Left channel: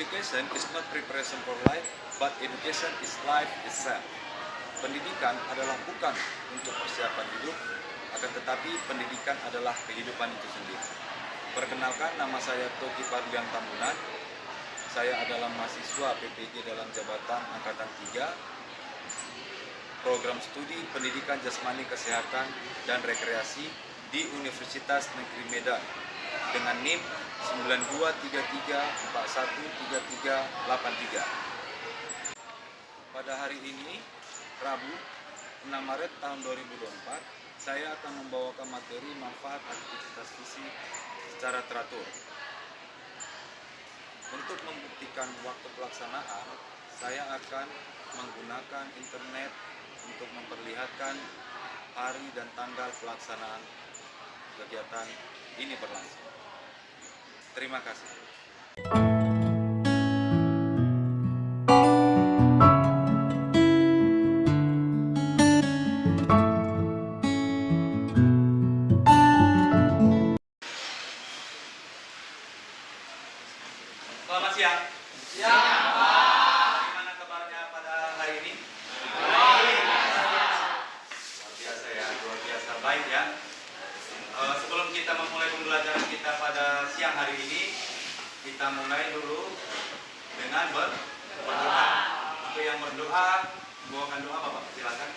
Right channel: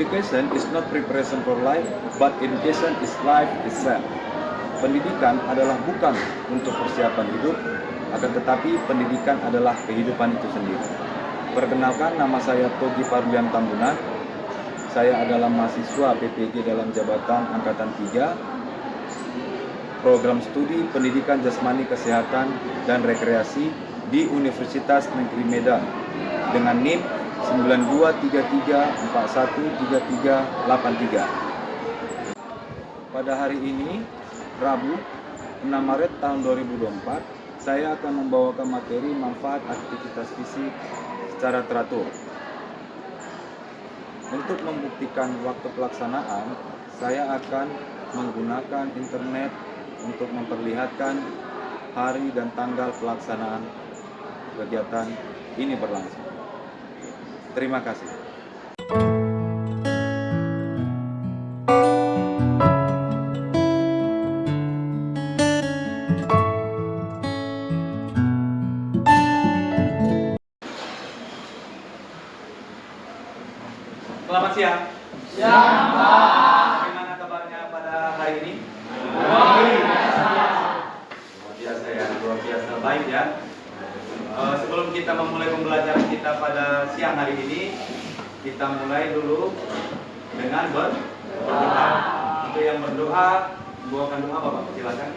Education is not preparation for life, but education is life itself. Pendidikan adalah bukan untuk persiapan hidup, akan tetapi pendidikan adalah kehidupan itu sendiri. Perkenalkan, nama saya Togi Parlian Tambunan. Saya adalah mahasiswa PPG dalam jabatan Angkatan 3, Program Studi Pendidikan Jasmani Kesehatan dan Rekreasi di Universitas Negeri Medan dengan NIM 9233413383. Pada hari ini, Rabu 6 Maret tahun 2024, saya akan membawakan materi manfaat aktivitas fisik secara teratur. Untuk membuktikan waktu pelaksanaan, saya akan menggunakan internet untuk memperlihatkan hari dan tanggal pelaksanaan kegiatan ini berlangsung. Terima kasih. Selamat siang. Siang, Pak. Bagaimana kabarnya pada hari ini? Baik. Luar biasa ya, luar biasa baik ya. Sebelum kita memulai pembelajaran kita pada siang hari ini, kita mulai dulu dengan berdoa. Untuk yang berdoa, bawakan doa Bapak, silakan.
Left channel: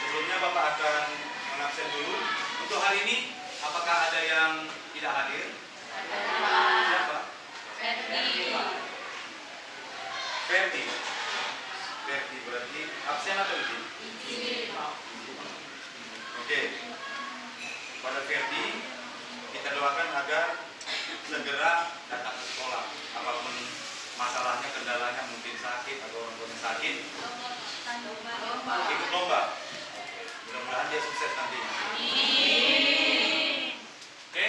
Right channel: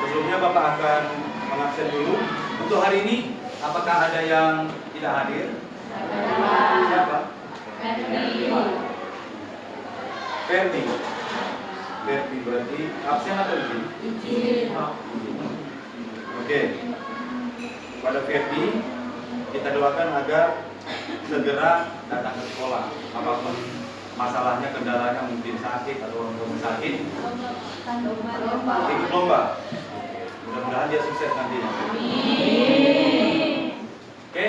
Sebelumnya Bapak akan mengabsen dulu. Untuk hari ini, apakah ada yang tidak hadir? Siapa? Ferdi. Ferdi berarti absen atau izin? Izin. Oke. Pada Ferdi, kita doakan agar segera datang ke sekolah. Apapun masalahnya, kendalanya, mungkin sakit atau sakit, ikut lomba. Mudah-mudahan dia sukses nantinya. Oke,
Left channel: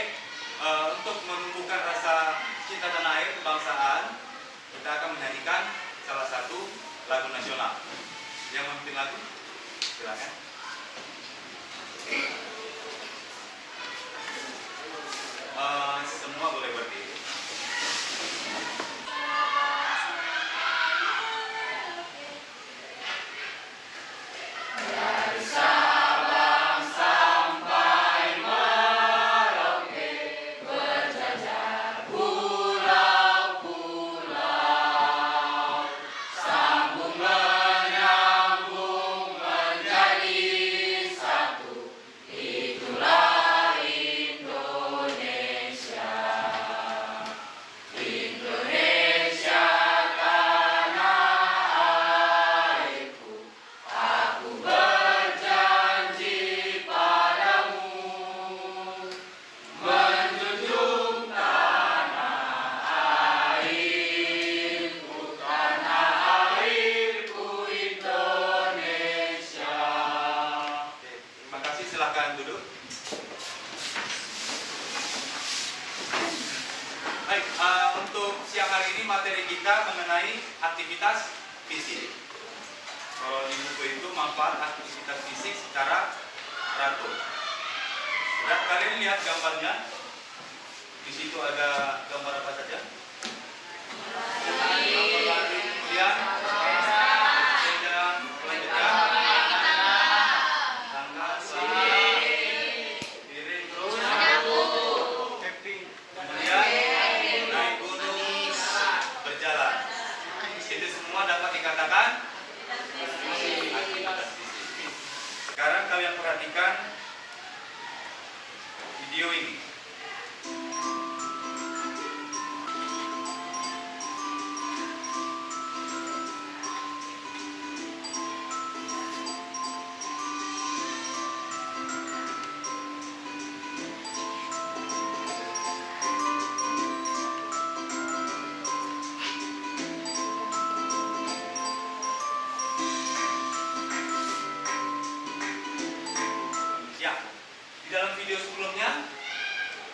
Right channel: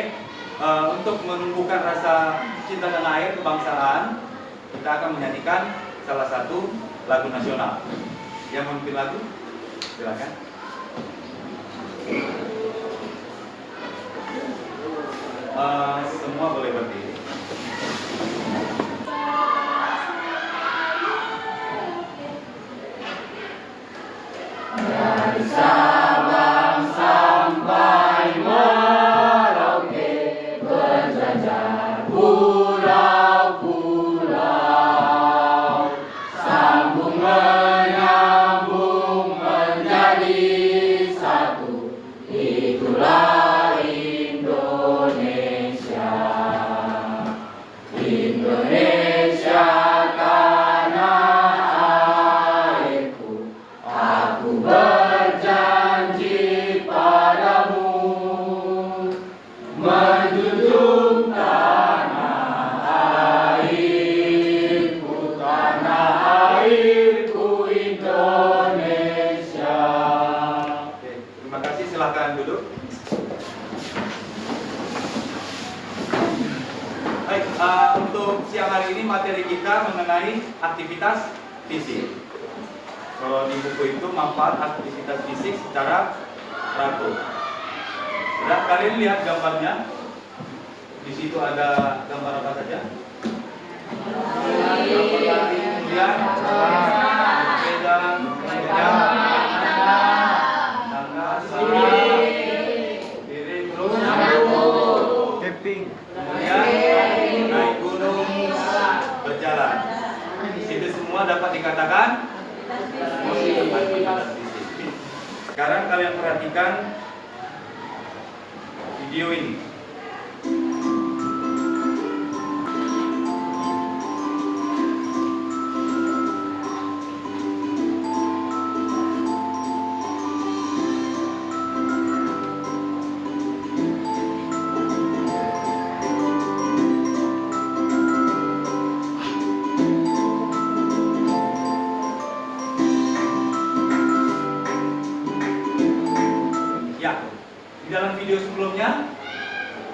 untuk menumbuhkan rasa cinta tanah air kebangsaan, kita akan menyanyikan salah satu lagu nasional. Yang memimpin lagu, silakan. Semua boleh berdiri. Silahkan duduk. Baik, untuk siang hari ini materi kita mengenai aktivitas fisik. Kalau di buku itu manfaat aktivitas fisik secara teratur. Sudah kalian lihat gambarnya? Di situ ada gambar apa saja? Gambar lari, kemudian sedang mengejar. Kemudian naik gunung, berjalan. Itu semua dapat dikatakan aktivitas fisik. Sekarang kalian perhatikan video ini.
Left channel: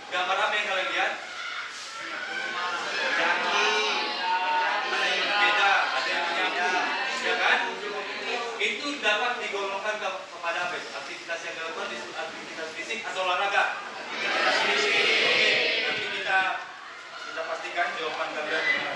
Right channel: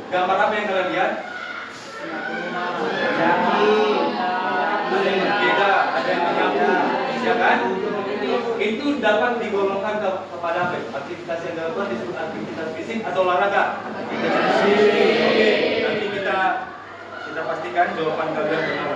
Gambar apa yang kalian lihat? Ada yang berbeda, ada yang menyambung, ya kan? Itu dapat digolongkan kepada apa? Aktivitas yang dilakukan disebut aktivitas fisik atau olahraga. Oke, nanti kita pastikan jawaban kalian benar.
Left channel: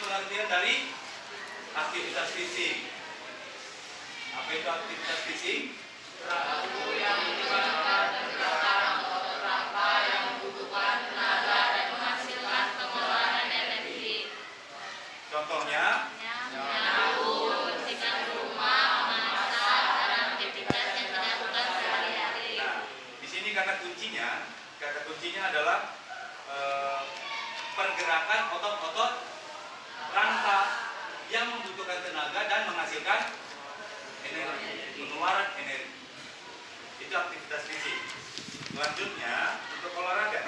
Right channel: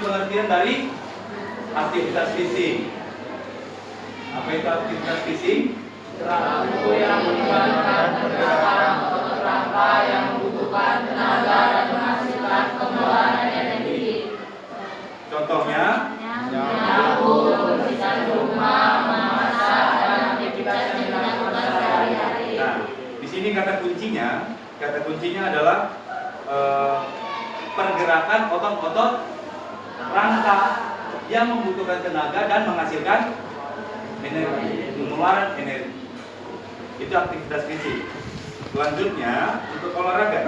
Pengertian dari aktivitas fisik. Apa itu aktivitas fisik? Perilaku yang melibatkan pergerakan atau kerangka yang membutuhkan tenaga dan menghasilkan pengeluaran energi. Contohnya? Menyapu, membersihkan rumah, memasak, dan aktivitas yang dilakukan sehari-hari. Nah, di sini kata kuncinya adalah pergerakan otot-otot rangka yang membutuhkan tenaga dan menghasilkan energi, pengeluaran energi. Itu aktivitas fisik. Selanjutnya untuk olahraga.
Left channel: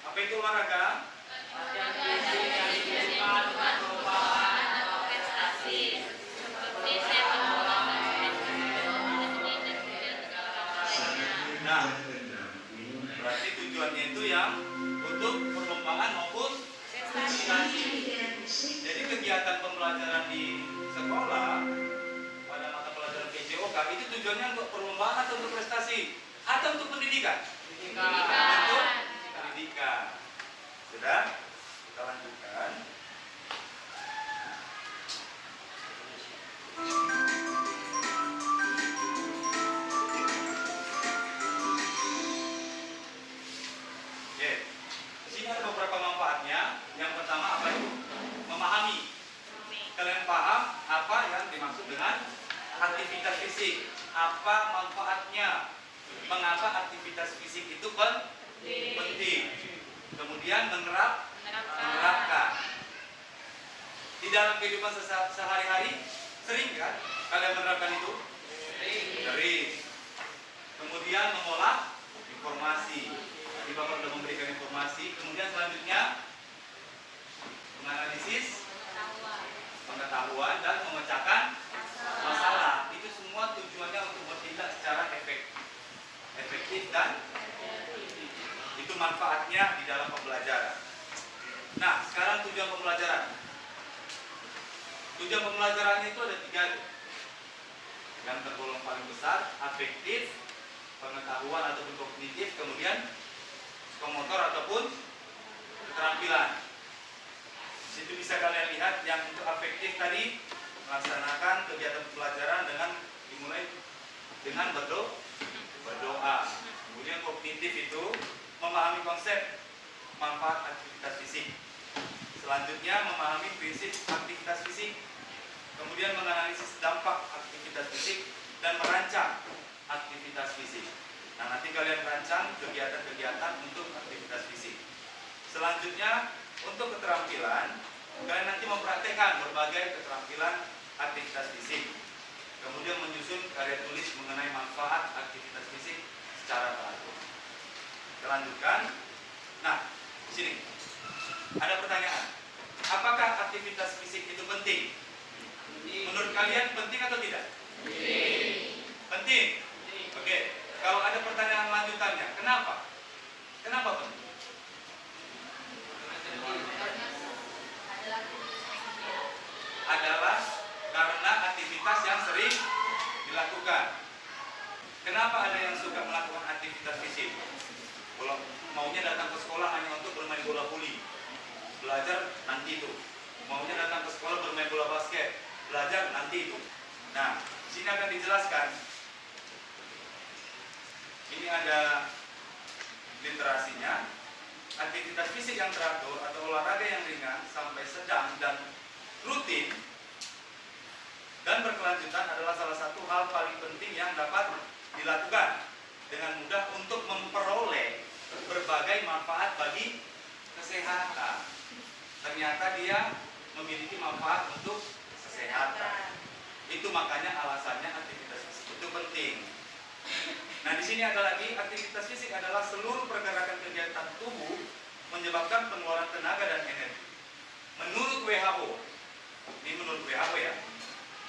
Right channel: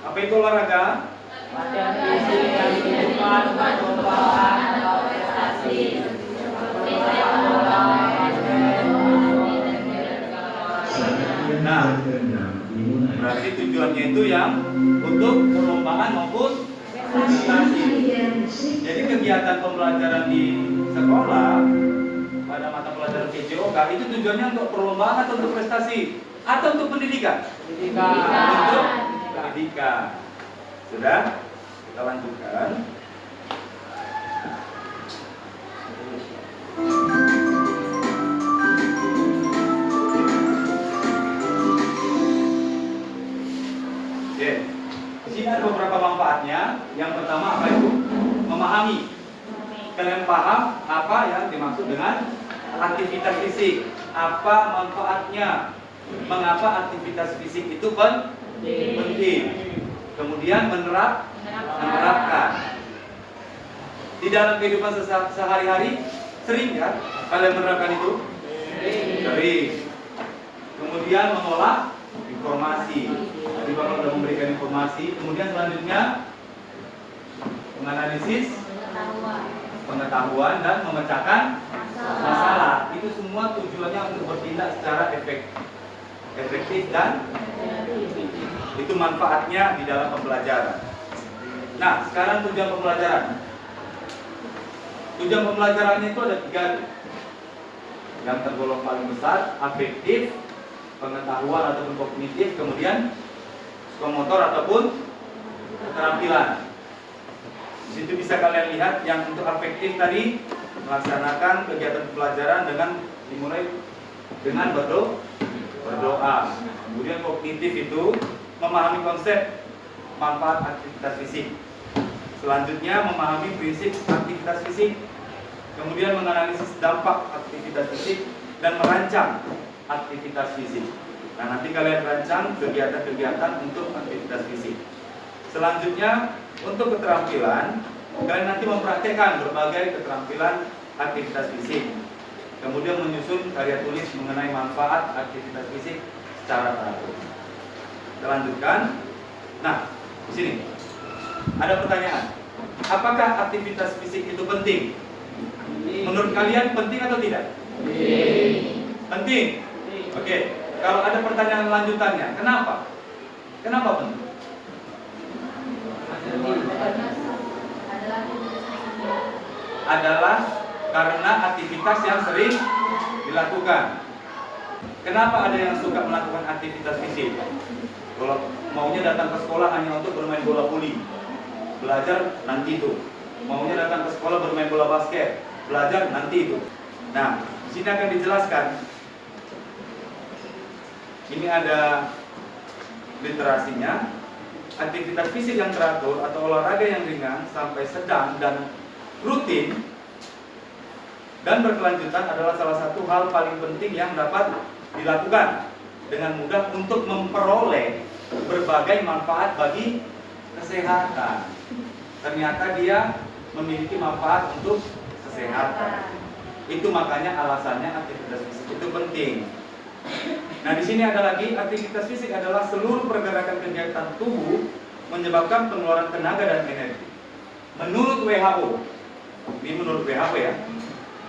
Apa itu olahraga? Latihan fisik yang dilakukan untuk perlombaan atau prestasi seperti sepak bola, Nah, berarti tujuannya itu yang untuk perlombaan maupun prestasi. Jadi kegiatan pembelajaran di sekolah pada mata pelajaran PJOK itu tujuannya untuk perlombaan atau untuk prestasi atau untuk pendidikan? Untuk pendidikan. Sudah? Kita lanjutkan. Oke. Di sini ada beberapa manfaatnya. Yang pertama apa itu? Memahami. Kalian paham apa yang dimaksud dengan aktivitas fisik? Apa manfaatnya? Mengapa aktivitas fisik itu penting? Kemudian menerapkan. Di dalam kehidupan sehari-hari sering kan kalian menerapkan itu? Sering. Kemudian mengolah informasi. Tadi Bapak sudah memberikan informasi. Kemudian selanjutnya menganalisis pengetahuan dan memecahkan masalah. Itu semua tujuannya untuk bertindak secara efektif dan itu manfaatnya di dalam pembelajaran. Nah, sekarang tujuan pembelajaran. Tujuan pembelajarannya itu ada 3. Yang tergolong paling besar, afektif, pengetahuan ataupun kognitif, kemudian psikomotor ataupun keterampilan. Di situ bisa kalian lihat yang untuk afektif tadi melaksanakan kegiatan pembelajaran dengan dimulai dengan berdoa. Kemudian kognitif itu memahami konsep manfaat aktivitas fisik. Selanjutnya memahami prinsip aktivitas fisik. Kemudian menganalisis dampak aktivitas fisik dan merancang aktivitas fisik. Nah, nanti kalian rancang kegiatan-kegiatan untuk aktivitas fisik. Selanjutnya untuk keterampilan, kalian nanti mempraktekkan berbagai keterampilan aktivitas fisik. Kemudian menyusun karya tulis mengenai manfaat aktivitas fisik secara teratur. Kita lanjutkan. Nah, di sini ada pertanyaan. Apakah aktivitas fisik itu penting? Menurut kalian penting atau tidak? Penting. Oke. Kalau ada pertanyaan lanjutannya, kenapa? Kenapa penting? Adalah karena aktivitas yang sering dilakukan. Kenapa ada yang suka melakukan aktivitas fisik? Kalau maunya datang ke sekolah hanya untuk bermain bola voli, belajar nanti itu. Maunya datang ke sekolah bermain bola basket, belajar nanti itu. Nah, di sini akan dijelaskan. Ini ada literasinya. Aktivitas fisik yang teratur atau olahraga yang ringan sampai sedang dan rutin dan berkelanjutan adalah salah satu hal paling penting yang dapat dilakukan dengan mudah untuk memperoleh berbagai manfaat bagi kesehatan. Ternyata dia memiliki manfaat untuk kesehatan. Itu makanya alasannya aktivitas fisik itu penting. Nah, di sini ada lagi, aktivitas fisik adalah seluruh pergerakan kegiatan tubuh menyebabkan pengeluaran tenaga dan energi. Menurut WHO, ini menurut WHO ya,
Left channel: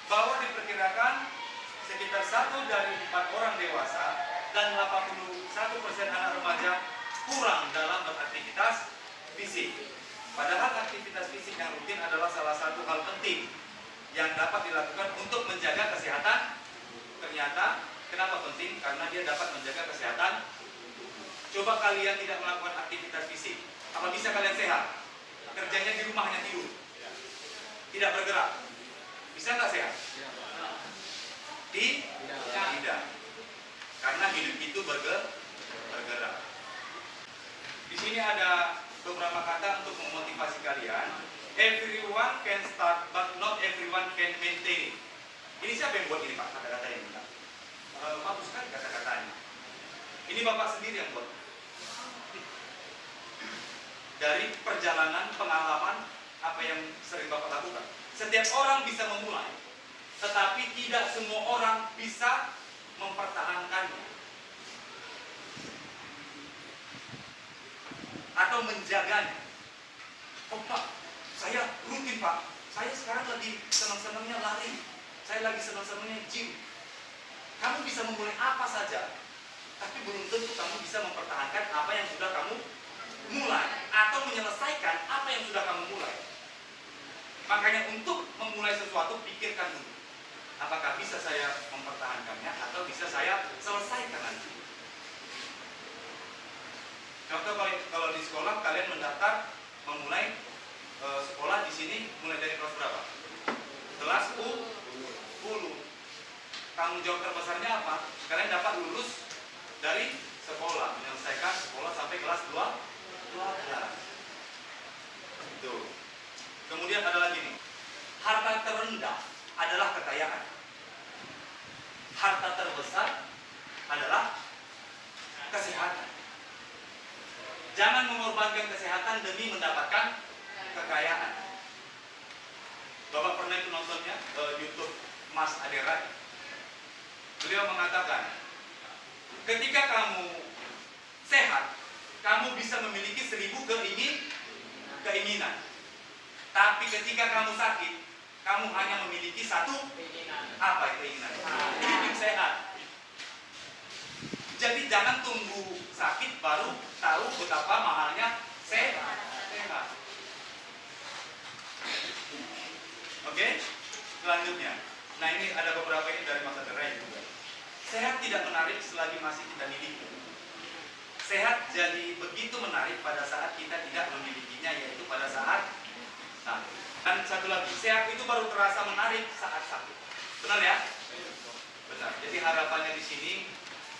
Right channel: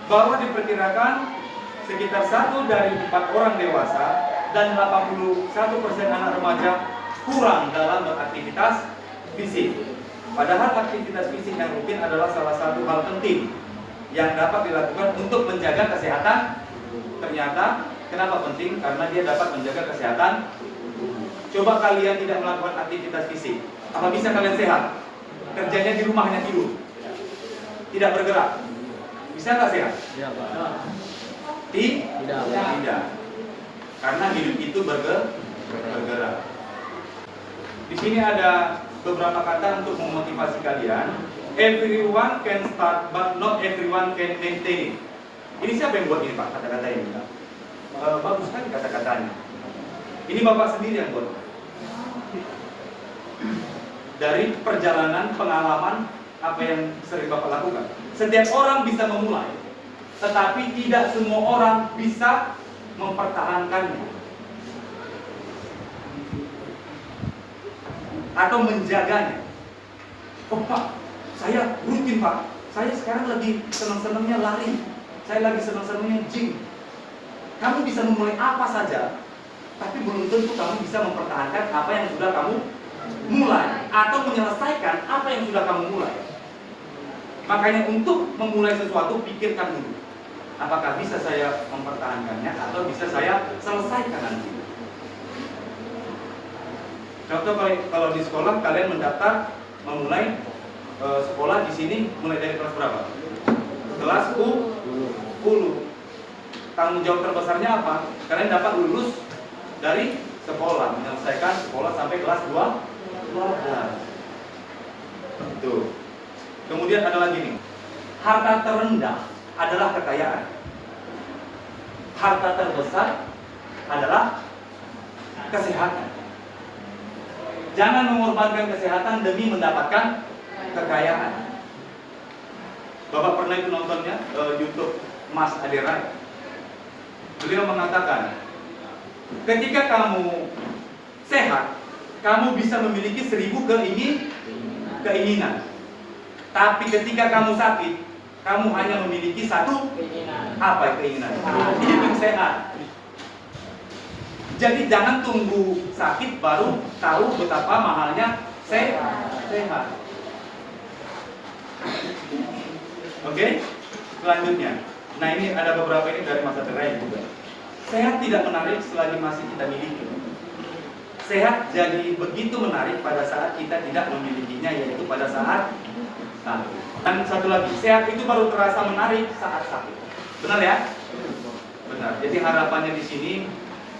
bahwa diperkirakan sekitar 1 dari 4 orang dewasa dan 81% anak remaja kurang dalam beraktivitas fisik. Padahal aktivitas fisik yang rutin adalah salah satu hal penting yang dapat dilakukan untuk menjaga kesehatan. Ternyata kenapa penting? Karena dia dapat menjaga kesehatan. Coba kalian tidak melakukan aktivitas fisik, apa bisa kalian sehat? Kerjanya di rumah hanya tidur, tidak bergerak, bisa nggak sehat? Tidak. Karena hidup itu bergerak. Di sini ada beberapa kata untuk memotivasi kalian. Everyone can start, but not everyone can maintain it. Ini siapa yang buat ini Pak, kata-kata ini? Bagus sekali kata-katanya. Ini Bapak sendiri yang buat. Dari perjalanan, pengalaman, apa yang sering Bapak lakukan. Setiap orang bisa memulai, tetapi tidak semua orang bisa mempertahankannya atau menjaganya. Oh Pak, saya rutin Pak. Saya sekarang lagi senang-senangnya lari. Saya lagi senang-senangnya gym. Kamu bisa memulai apa saja, tapi belum tentu kamu bisa mempertahankan apa yang sudah kamu mulai atau menyelesaikan apa yang sudah kamu mulai. Makanya untuk memulai sesuatu, pikirkan dulu. Apakah bisa saya mempertahankannya atau bisa saya selesaikan nanti. Contoh kalau di sekolah kalian mendaftar memulai sekolah di sini mulai dari kelas berapa? Kelas 10. Tanggung jawab terbesarnya apa? Kalian dapat lulus dari sekolah, menyelesaikan sekolah sampai kelas 12. Itu. Kemudian ada lagi nih. Harta terendah adalah kekayaan. Harta terbesar adalah kesehatan. Jangan mengorbankan kesehatan demi mendapatkan kekayaan. Bapak pernah itu nontonnya YouTube Mas Aderai. Beliau mengatakan, ketika kamu sehat, kamu bisa memiliki 1000 keinginan. Tapi ketika kamu sakit, kamu hanya memiliki 1 keinginan? Hidup sehat. Jadi jangan tunggu sakit baru tahu betapa mahalnya sehat. Oke? Selanjutnya. Nah, ini ada beberapa ini dari Mas Aderai juga. Sehat tidak menarik selagi masih kita miliki. Sehat jadi begitu menarik pada saat kita tidak memilikinya, yaitu pada saat sakit. Dan satu lagi, sehat itu baru terasa menarik saat sakit. Benar ya? Benar. Jadi harapannya di sini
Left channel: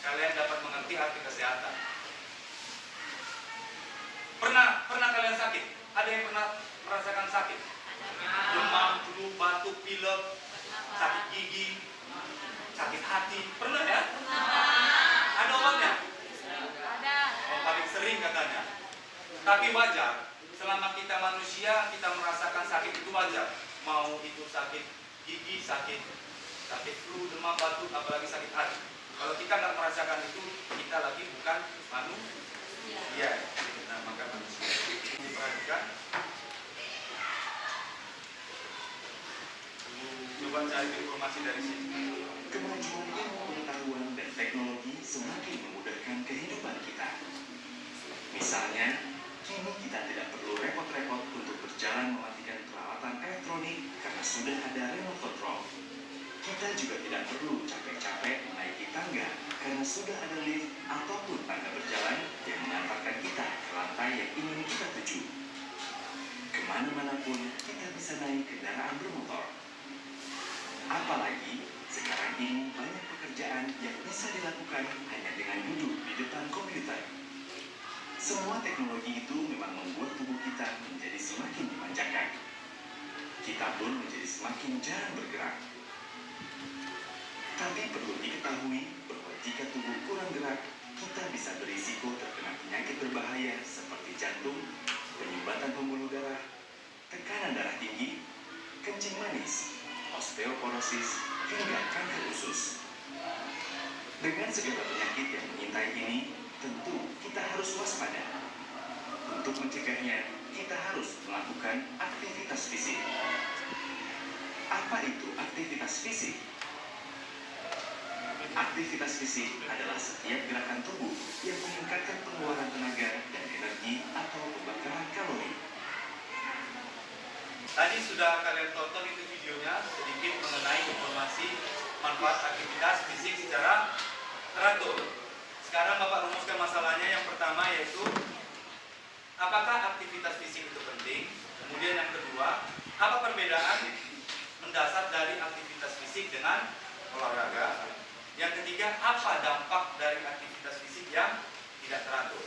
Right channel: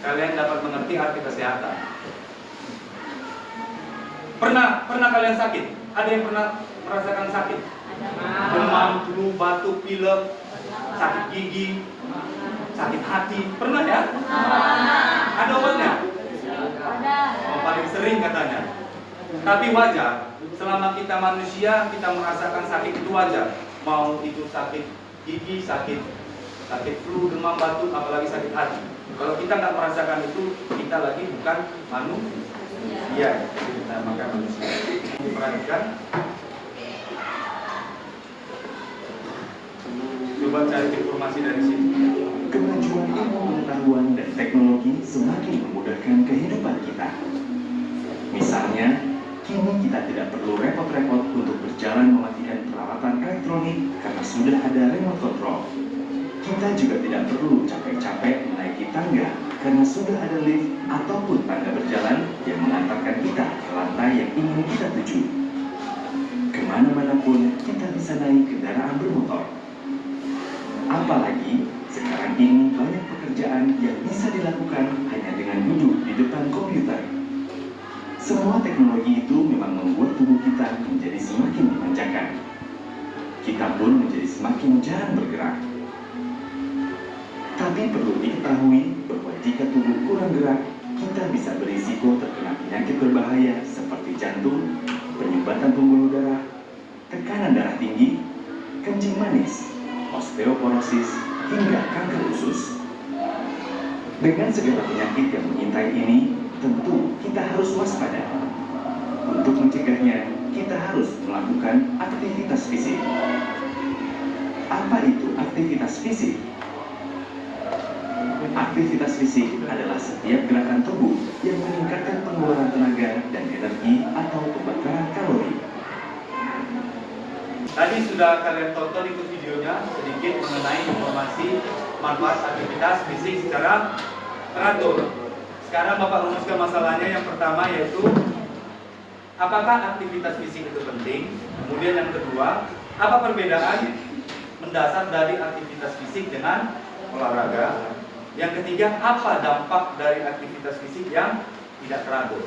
kalian dapat mengerti arti kesehatan. Pernah kalian sakit? Ada yang pernah merasakan sakit? Demam, flu, batuk, pilek, sakit gigi, sakit hati, pernah ya? Ada obatnya? Paling sering katanya. Tapi wajar, selama kita manusia, kita merasakan sakit itu wajar. Mau itu sakit gigi, sakit flu, demam, batuk, apalagi sakit hati. Kalau kita nggak merasakan itu, kita lagi bukan manusia. Jadi kita makan manusia. Diperhatikan. Coba cari informasi dari sini. Kemajuan ilmu pengetahuan dan teknologi semakin memudahkan kehidupan kita. Misalnya, kini kita tidak perlu repot-repot untuk berjalan mematikan peralatan elektronik karena sudah ada remote control. Kita juga tidak perlu capek-capek menaiki tangga karena sudah ada lift ataupun tangga berjalan yang mengantarkan kita ke lantai yang ingin kita tuju. Kemana-mana pun kita bisa naik kendaraan bermotor. Apalagi sekarang ini banyak pekerjaan yang bisa dilakukan hanya dengan duduk di depan komputer. Semua teknologi itu memang membuat tubuh kita menjadi semakin memanjakan. Kita pun menjadi semakin jarang bergerak. Tapi perlu diketahui bahwa jika tubuh kurang gerak, kita bisa berisiko terkena penyakit berbahaya seperti jantung, penyumbatan pembuluh darah, tekanan darah tinggi, kencing manis, osteoporosis, hingga kanker usus. Dengan segala penyakit yang mengintai ini, tentu kita harus waspada. Untuk mencegahnya, kita harus melakukan aktivitas fisik. Apa itu aktivitas fisik? Aktivitas fisik adalah setiap gerakan tubuh yang meningkatkan pengeluaran tenaga dan energi atau pembakaran kalori. Tadi sudah kalian tonton itu videonya sedikit mengenai informasi manfaat aktivitas fisik secara teratur. Sekarang Bapak rumuskan masalahnya. Yang pertama yaitu apakah aktivitas fisik itu penting? Kemudian yang kedua, apa perbedaan mendasar dari aktivitas fisik dengan olahraga? Yang ketiga, apa dampak dari aktivitas fisik yang tidak teratur?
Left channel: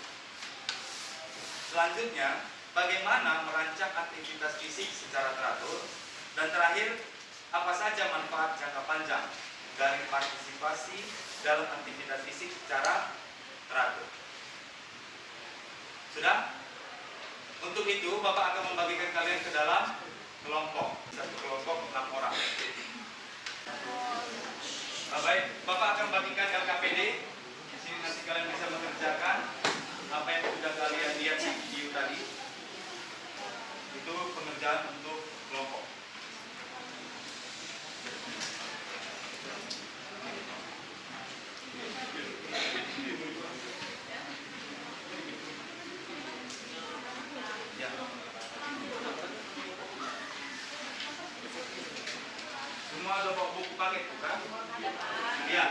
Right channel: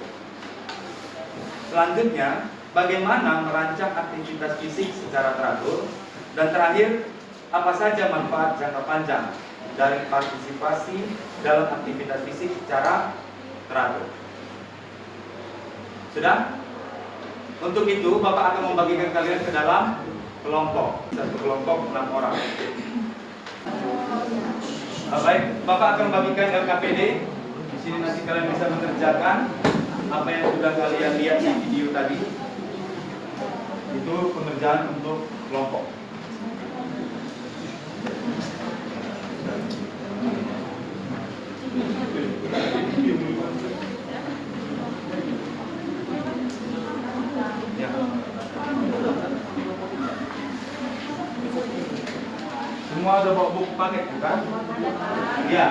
Selanjutnya, bagaimana merancang aktivitas fisik secara teratur? Dan terakhir, apa saja manfaat jangka panjang dari partisipasi dalam aktivitas fisik secara teratur? Sudah? Untuk itu, Bapak akan membagikan kalian ke dalam kelompok. Satu kelompok 6 orang. Baik, Bapak akan membagikan LKPD. Di sini nanti kalian bisa mengerjakan apa yang sudah kalian lihat di video tadi. Itu pengerjaan untuk kelompok. Semua udah bawa buku paket, bukan? Iya.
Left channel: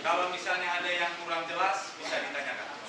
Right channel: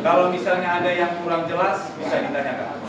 Kalau misalnya ada yang kurang jelas, bisa ditanyakan.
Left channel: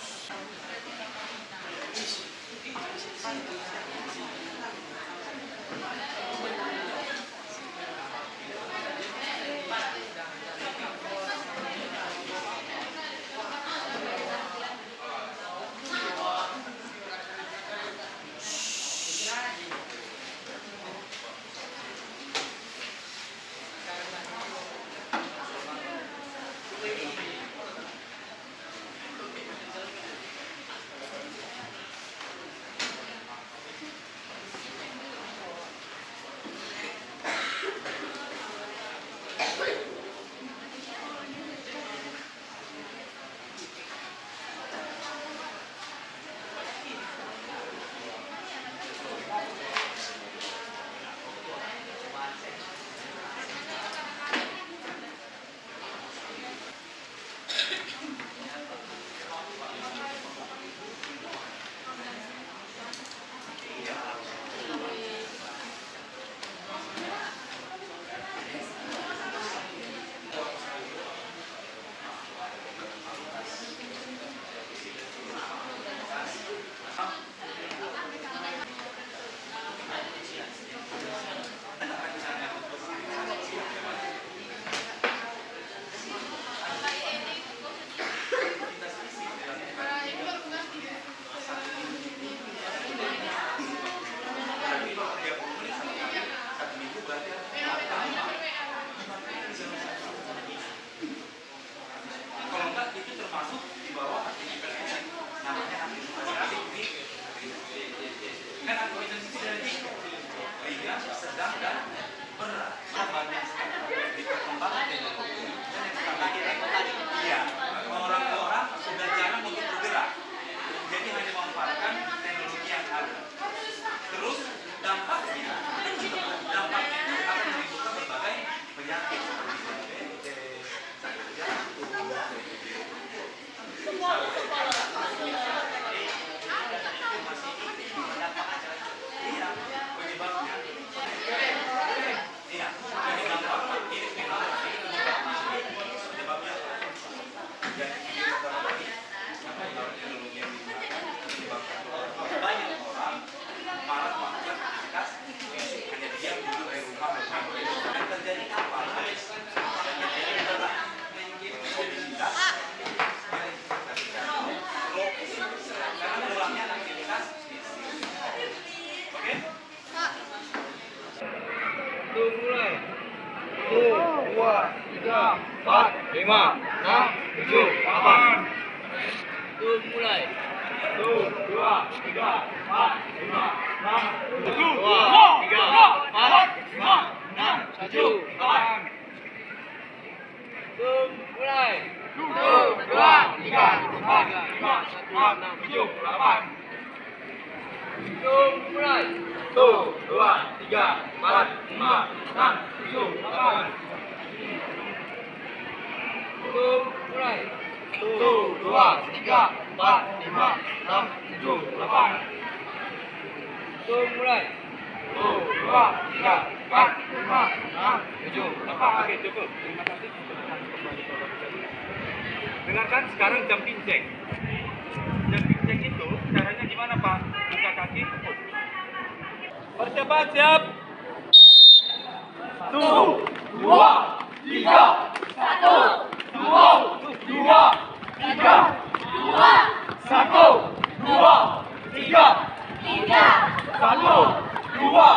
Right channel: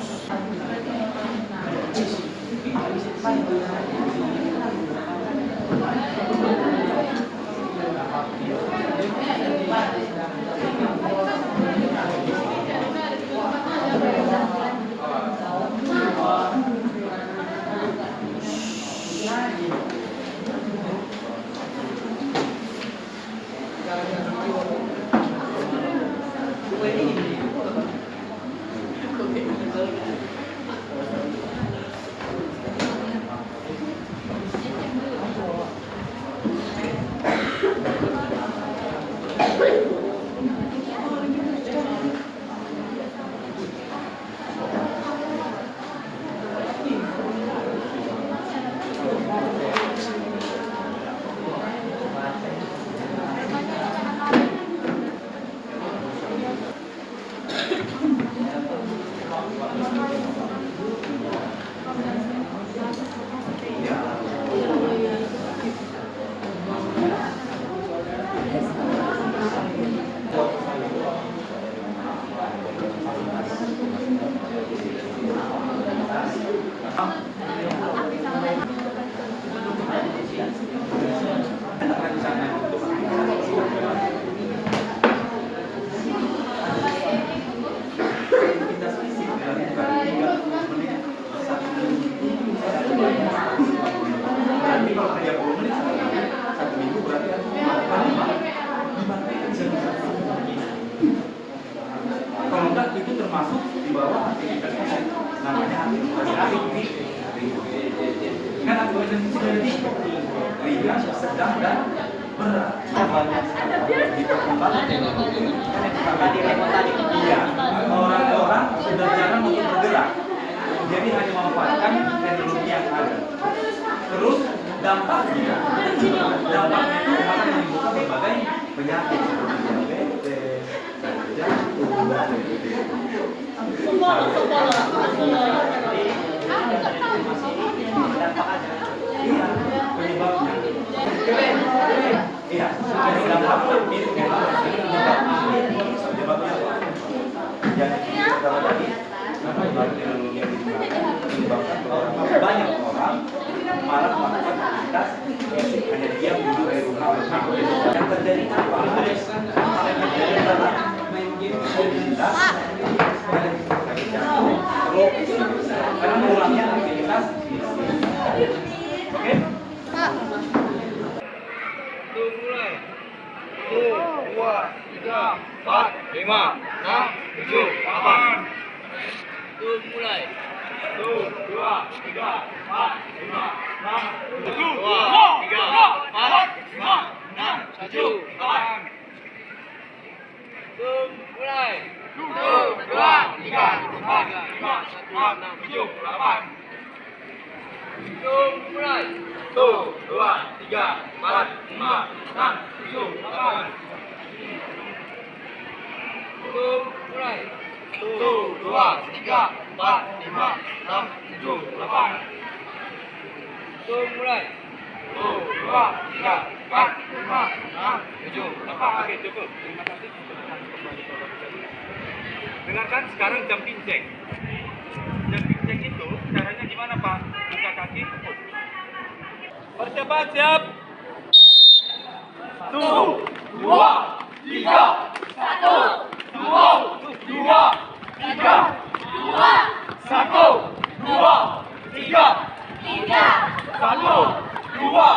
ringan, sedang, dan berat. Banyak di perkembangan teknologi iya, orang-orang sudah jarang untuk bergerak, jadi hanya memanfaatkan teknologi yang ada. Terus dampaknya itu akan menimbulkan berbagai penyakit seperti diabetes, sakit jantung, Banyak orang malah melakukan aktivitas basic, hanya diam duduk di rumah bersama. Yang terjadi apa? Yang terjadi adalah obesitas, karena kurangnya aktivitas fisik. Oke? Mulai. 1, 2, 3, 4, 5, 6, 7, 8. Mulai. 1, 2, 3, 4, 5, 6, 7, 2, 3, 4, 5, 6, 7, 8. Mulai. 1, 2, 3, 4, 5, 6, 7, 8. Mulai. 1, 2, 3, 4, 5, 6, 7, 8. Mulai. 1, 2, 3, 4, 5, 6, 7, 8. Mulai. 1, 2, 3, 4, 5, 6, 7, 8. Oke, cukup. Terima kasih. Dengarkan sekarang jumping jack. Jumping jack itu caranya gimana, Pak? Buka kaki, tepuk. Percepat, siap. 1, 2, 3, 1, 2, 3, 3, 2, 1, 2, 3, 3, 1, 2,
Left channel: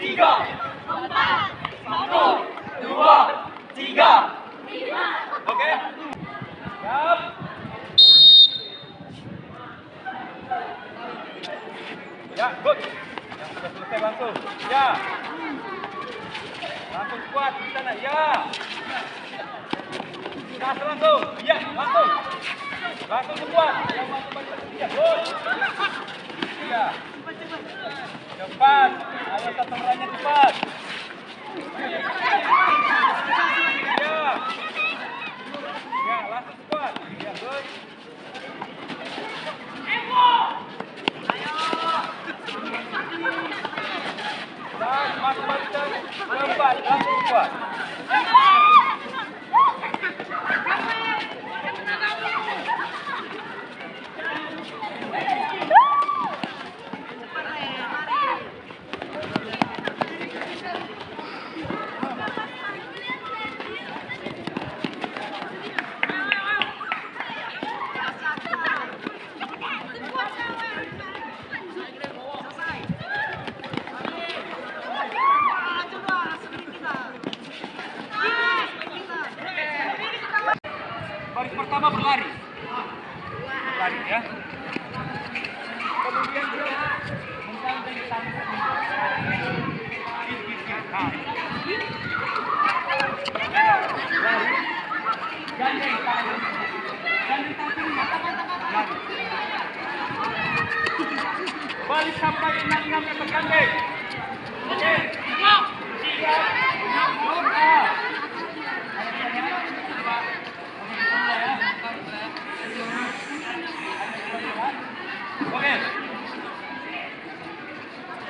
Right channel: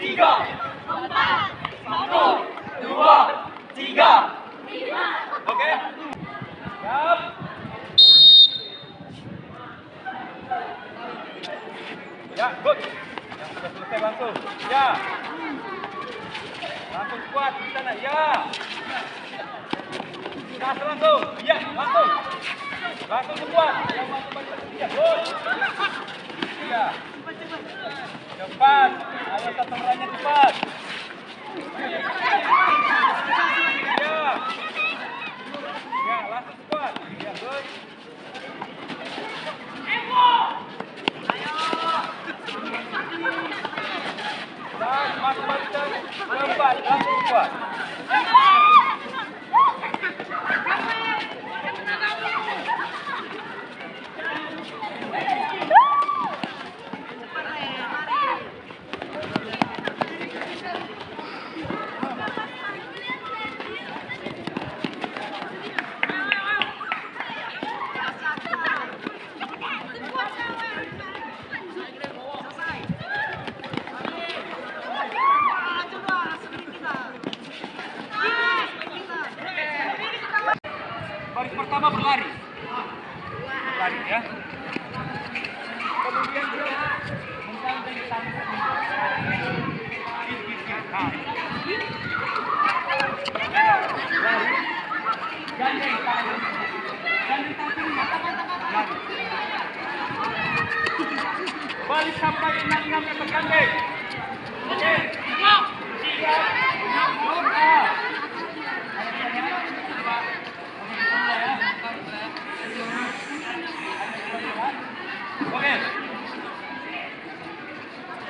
3, 4, 1, 2, 3, 5. Oke? Siap. Ya, good. Yang sudah selesai langsung. Ya. Langsung kuat di sana. Ya. Gas langsung. Ya, langsung. Langsung kuat. Yang masuk balik. Ya, good. Ya. Cepat. Ayo saturannya cepat. Ya. Ya, langsung kuat. Ya, good. Dan masuk balik cepat, langsung kuat. Baris pertama berlari. Berlari ya. Kemudian dia menggandeng tangan. Nah. Lari. Gandeng tangan. Gandeng tangan. Lari. Balik sampai 66 meter gandeng. Oke. 3, 6, oke.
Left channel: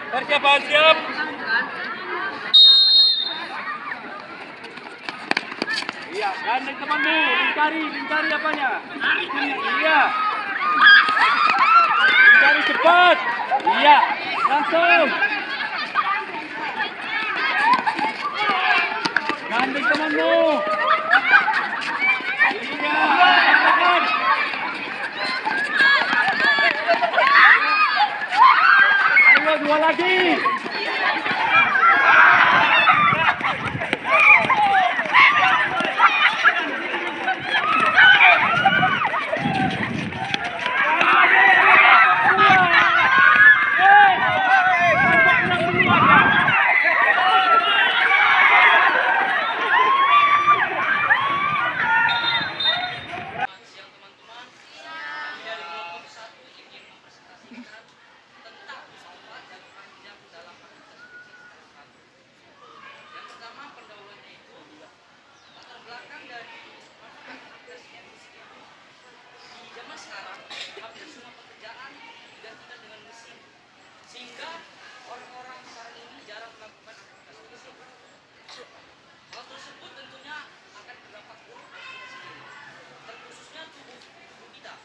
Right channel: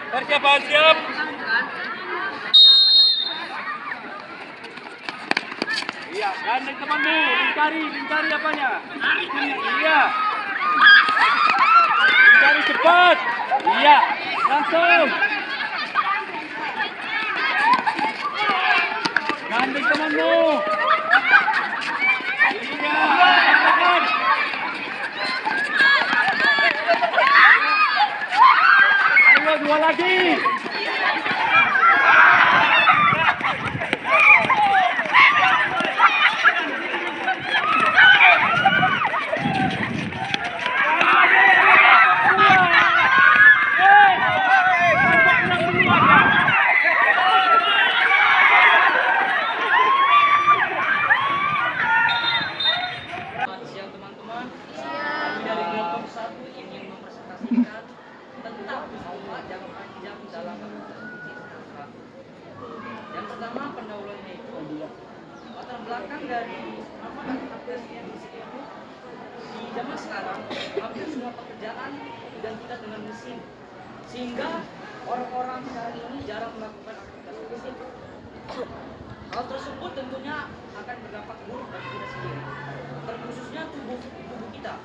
Persiapan siap. Iya, gandeng temanmu, lingkari apanya? Iya. Lingkari cepat. Iya, langsung. Gandeng temanmu. Iya, katakan. Ayo, 2 lagi. Dari kelompok 1 ingin mempresentasikan tentang bahwa jangka panjang dalam sehingga orang-orang sekarang ini jarang melakukan aktivitas fisik. Hal tersebut tentunya akan berdampak buruk bagi kita sendiri, terkhususnya tubuh kita.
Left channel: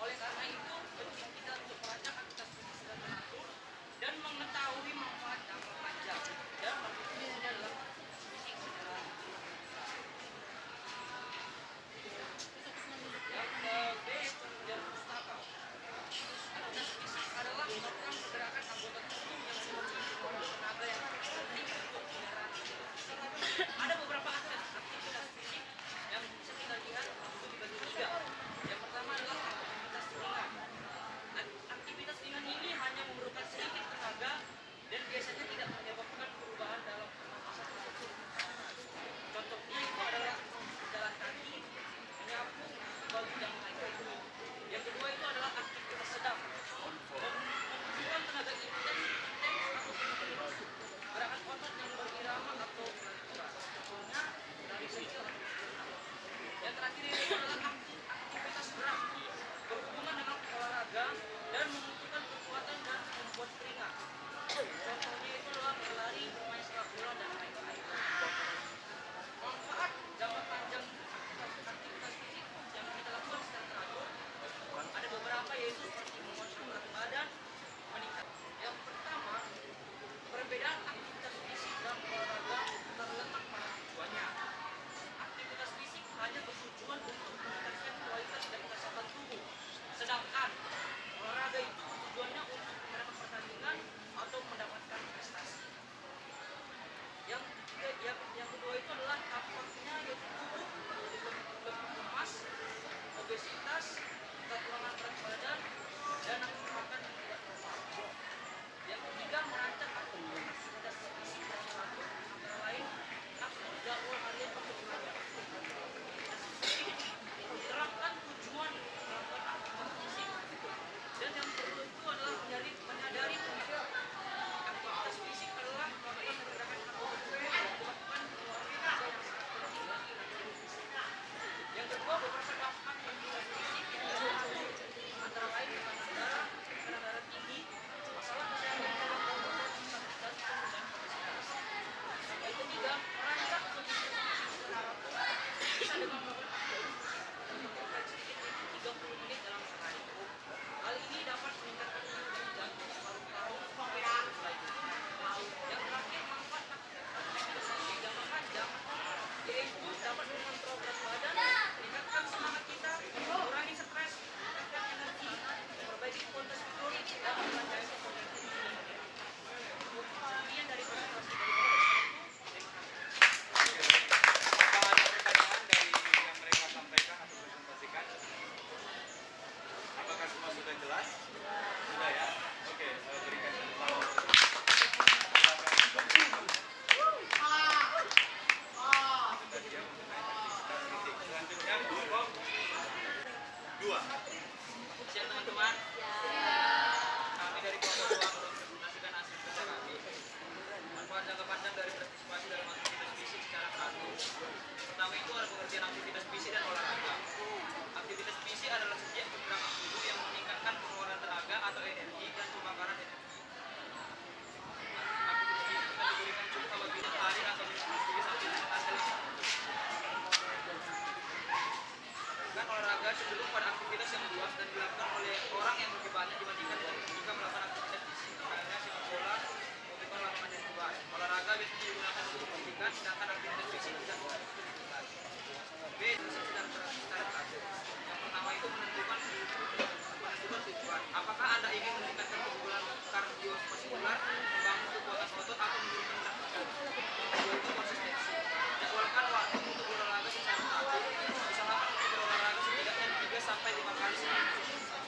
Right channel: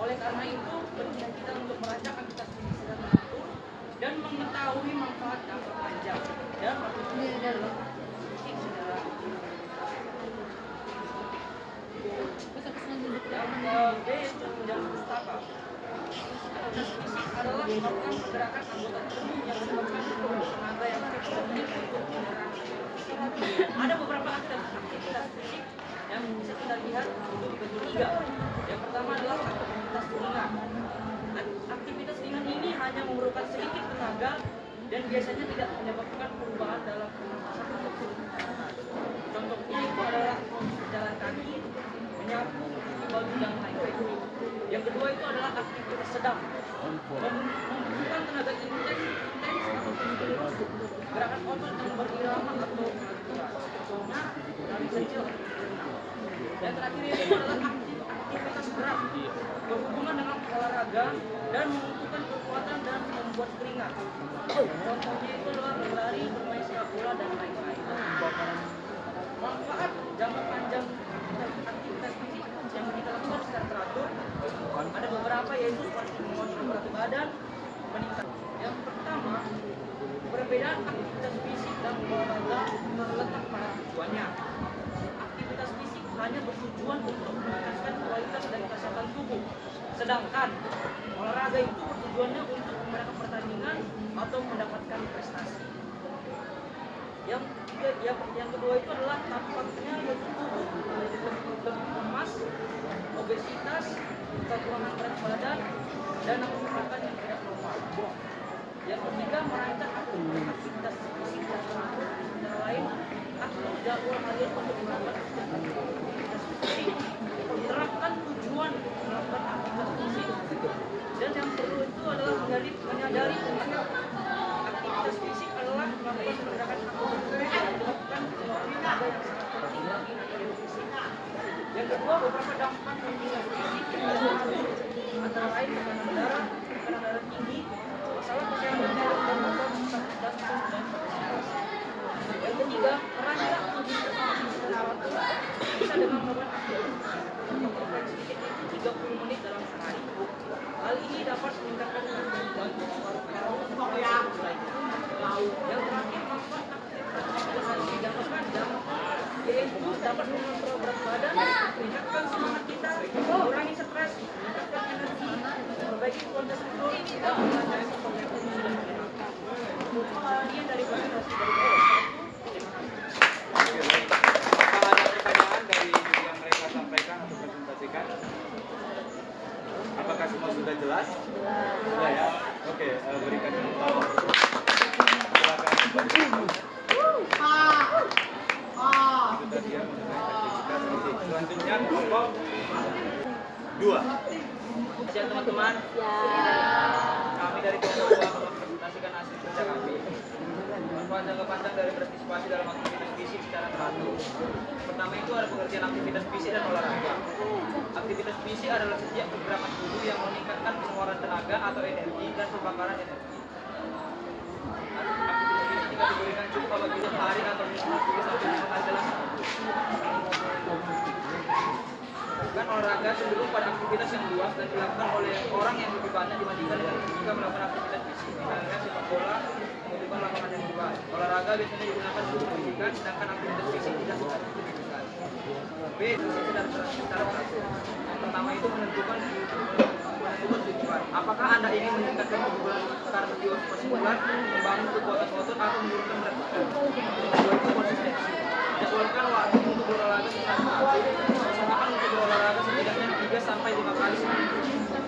Oleh karena itu, penting kita untuk merancang aktivitas fisik secara teratur dan mengetahui manfaat jangka panjang. Dan artinya adalah fisik adalah yang B itu menjadi pustaka. Aktivitas fisik adalah melakukan pergerakan anggota tubuh yang memerlukan tenaga yang penting untuk kendaraan. Ada beberapa aktivitas fisik yang bisa kita lihat itu dibagi 3. Yang pertama adalah aktivitas ringan. Aktivitas ringan ini hanya memerlukan sedikit tenaga dan biasanya tidak menyebabkan perubahan dalam pernafasan atau pernafasan. Contohnya itu adalah berjalan kaki, menyapu, mencuci baju dan lain-lain. Yang kedua itu adalah aktivitas sedang, membutuhkan tenaga intens atau terus, gerakan otot yang berirama atau natural. Contohnya dari kecil. Yang terakhir itu adalah aktivitas berat, berhubungan dengan olahraga dan membutuhkan kekuatan dan membuat keringat. Contohnya itu adalah berlari, bermain sepak bola dan lain-lain. Manfaat jangka panjang aktivitas fisik yang kita lakukan secara teratur ada beberapa, yaitu seperti mengontrol berat badan, meningkat. Yang pertama, perbedaan aktivitas fisik dan olahraga terletak pada tujuannya. Aktivitas fisik hanya bertujuan untuk meningkatkan kualitas dan kesehatan tubuh, sedangkan olahraga itu bertujuannya untuk memenangkan pertandingan atau mendapatkan prestasi. Yang kedua itu adalah tampaknya yaitu tubuh lebih lemas, obesitas, kekurangan berat badan, dan nafsu makan yang tidak normal. Yang ketiga, merancang aktivitas fisik yang teratur, antara lain atur jadwal harian untuk melakukan aktivitas fisik, terapkan tujuan melakukan aktivitas fisik, dan yang perlu itu adalah menyadari aktivitas fisik adalah melakukan pergerakan anggota tubuh dan melakukan pengeluaran penting bagi anggota fisik. Yang kedua, beberapa dampak aktivitas fisik yang teratur, antara lain tekanan darah tinggi, masalah kesehatan jantung dan obesitas. Yang ketiga, merancang aktivitas fisik secara teratur bisa dengan melakukan aktivitas yang sedikitnya itu 30 menit dalam sehari. Hal ini dapat meningkatkan kondisi jantung, paru-paru, dan lainnya. Yang terakhir, manfaat aktivitas fisik jangka panjang yaitu dapat mengontrol berat badan, meningkatkan semangat kita, mengurangi stres, meningkatkan energi, memperbaiki kualitas tidur, dan melancarkan kognitif dan menyenangkan. Kemudian dari presentasi dari saya. Apakah ada pertanyaan dari yang mereka sampaikan atau presentasikan? Apakah semua sudah jelas? Sudah ya? Oke, berikan tepuk tangan. Silakan. Itu tadi ya mengenai aktivitas fisik. Selanjutnya kelompok 2. Siap teman-teman. Kami dari kelompok 2 mempresentasikan hasil kerja kami. Manfaat jangka panjang dari berpartisipasi dalam aktivitas fisik secara teratur. Pertama itu ada pengertian aktivitas fisik dan olahraga. Aktivitas fisik adalah setiap pergerakan tubuh yang meningkatkan pengeluaran tenaga atau energi dan pembakaran energi. Aktivitas fisik tidak diberikan cukup apabila hari atau minggu adalah dan olahraga cenderung pada aktivitas yang luas dan dilakukan oleh orang yang lebih banyak dibandingkan jika melakukan aktivitas fisik. Misalnya sepak bola membutuhkan lapangan yang luas. Olahraga biasanya digunakan untuk pendidikan, sedangkan aktivitas fisik dilakukan untuk pendidikan. B. Secara teratur. Pertama itu menentukan tujuan. Apakah Anda ingin meningkatkan kebugaran karena dewasa persebulan, membangun kekuatan otot atau menurunkan berat badan? Jadwalkan waktu untuk berolahraga usahakan untuk berolahraga setidaknya 3 sampai 5 kali seminggu.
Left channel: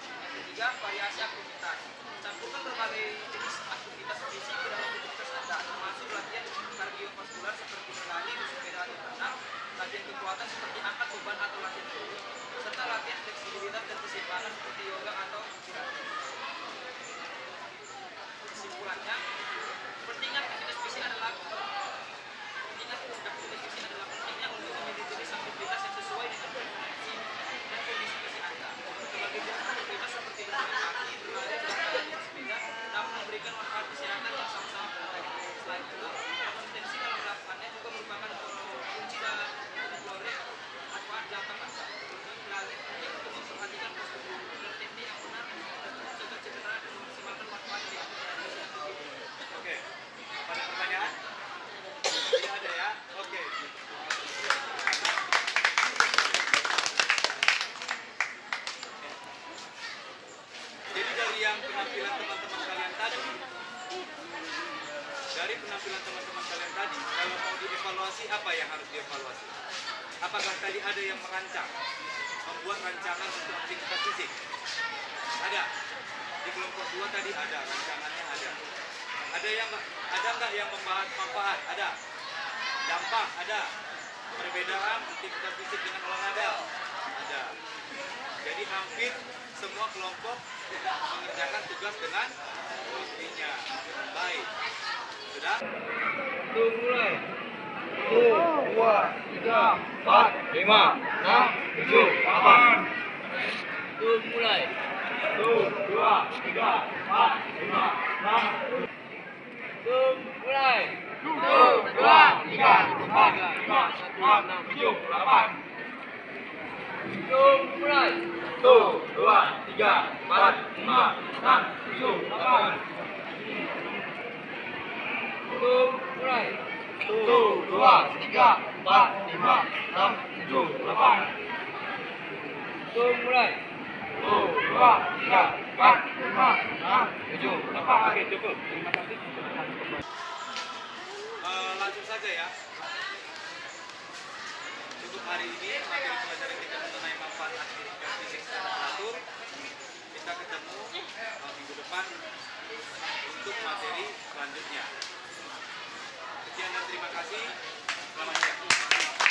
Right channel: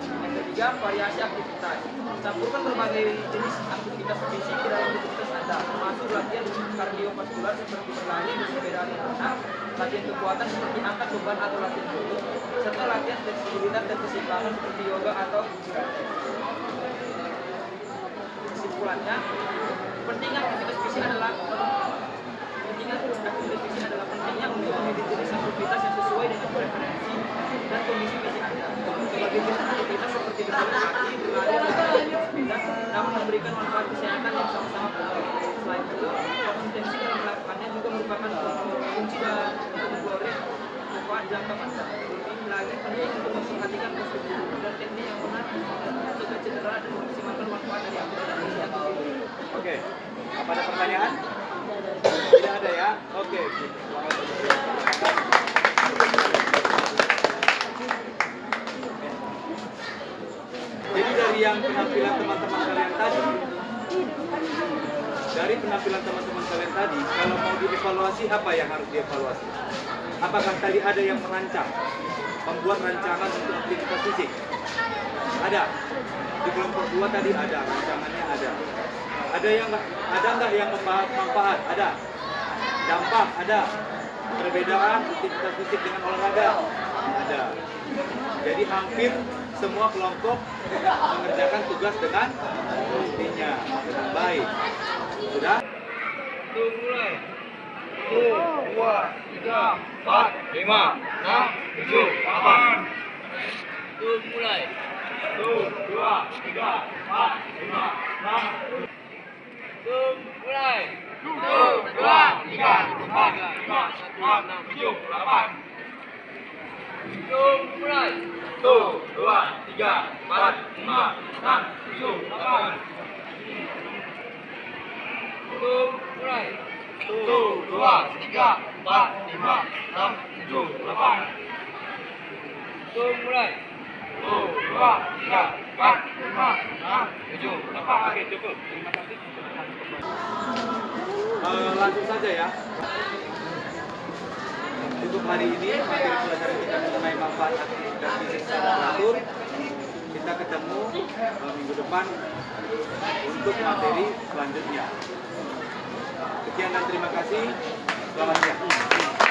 Yang ketiga, variasi aktivitas. Campurkan berbagai jenis aktivitas fisik ke dalam rutinitas Anda, termasuk latihan kardiovaskular seperti berlari, bersepeda atau berenang, latihan kekuatan seperti angkat beban atau latihan lutut, serta latihan fleksibilitas dan keseimbangan seperti yoga atau pilates. Kesimpulannya, pentingnya aktivitas fisik adalah pentingnya untuk memiliki jenis aktivitas yang sesuai dengan preferensi dan kondisi fisik Anda. Bagaimana aktivitas seperti berjalan kaki, berlari, namun memberikan dari penampilan teman-teman kalian tadi, kalau mau dievaluasi, apa yang harus dievaluasi? Apakah tadi ada yang merancang, membuat rancangan untuk aktivitas fisik? Ada. Di kelompok 2 tadi ada, rancangannya ada. Ada nggak yang membahas manfaat? Ada. Dampak ada. Perbedaan aktivitas fisik dengan olahraga? Ada. Jadi hampir semua kelompok mengerjakan tugas dengan pastinya dengan baik. Sudah? Itu mulai. 1, 2, 3, 4, 5, 6, 7, 8. Itu mulai. 1, 2, 3, 4, 5, 6. Itu mulai. 1, 2, 3, 4, 5, 6, 7, 8. Itu mulai. 1, 2, 3, 4, 5, 6, 7, 8. Itu mulai. 1, 2, 3, 4, 5, 6, 7, 8. Itu mulai. 1, 2, 3, 4, 5, 6, 7, 8. Oke, cukup. Terima kasih. Langsung saja ya. Untuk hari ini materi pelajaran kita mengenai manfaat aktivitas fisik secara teratur. Kita ketemu minggu depan untuk materi selanjutnya. Sekian dan terima kasih. Selamat siang.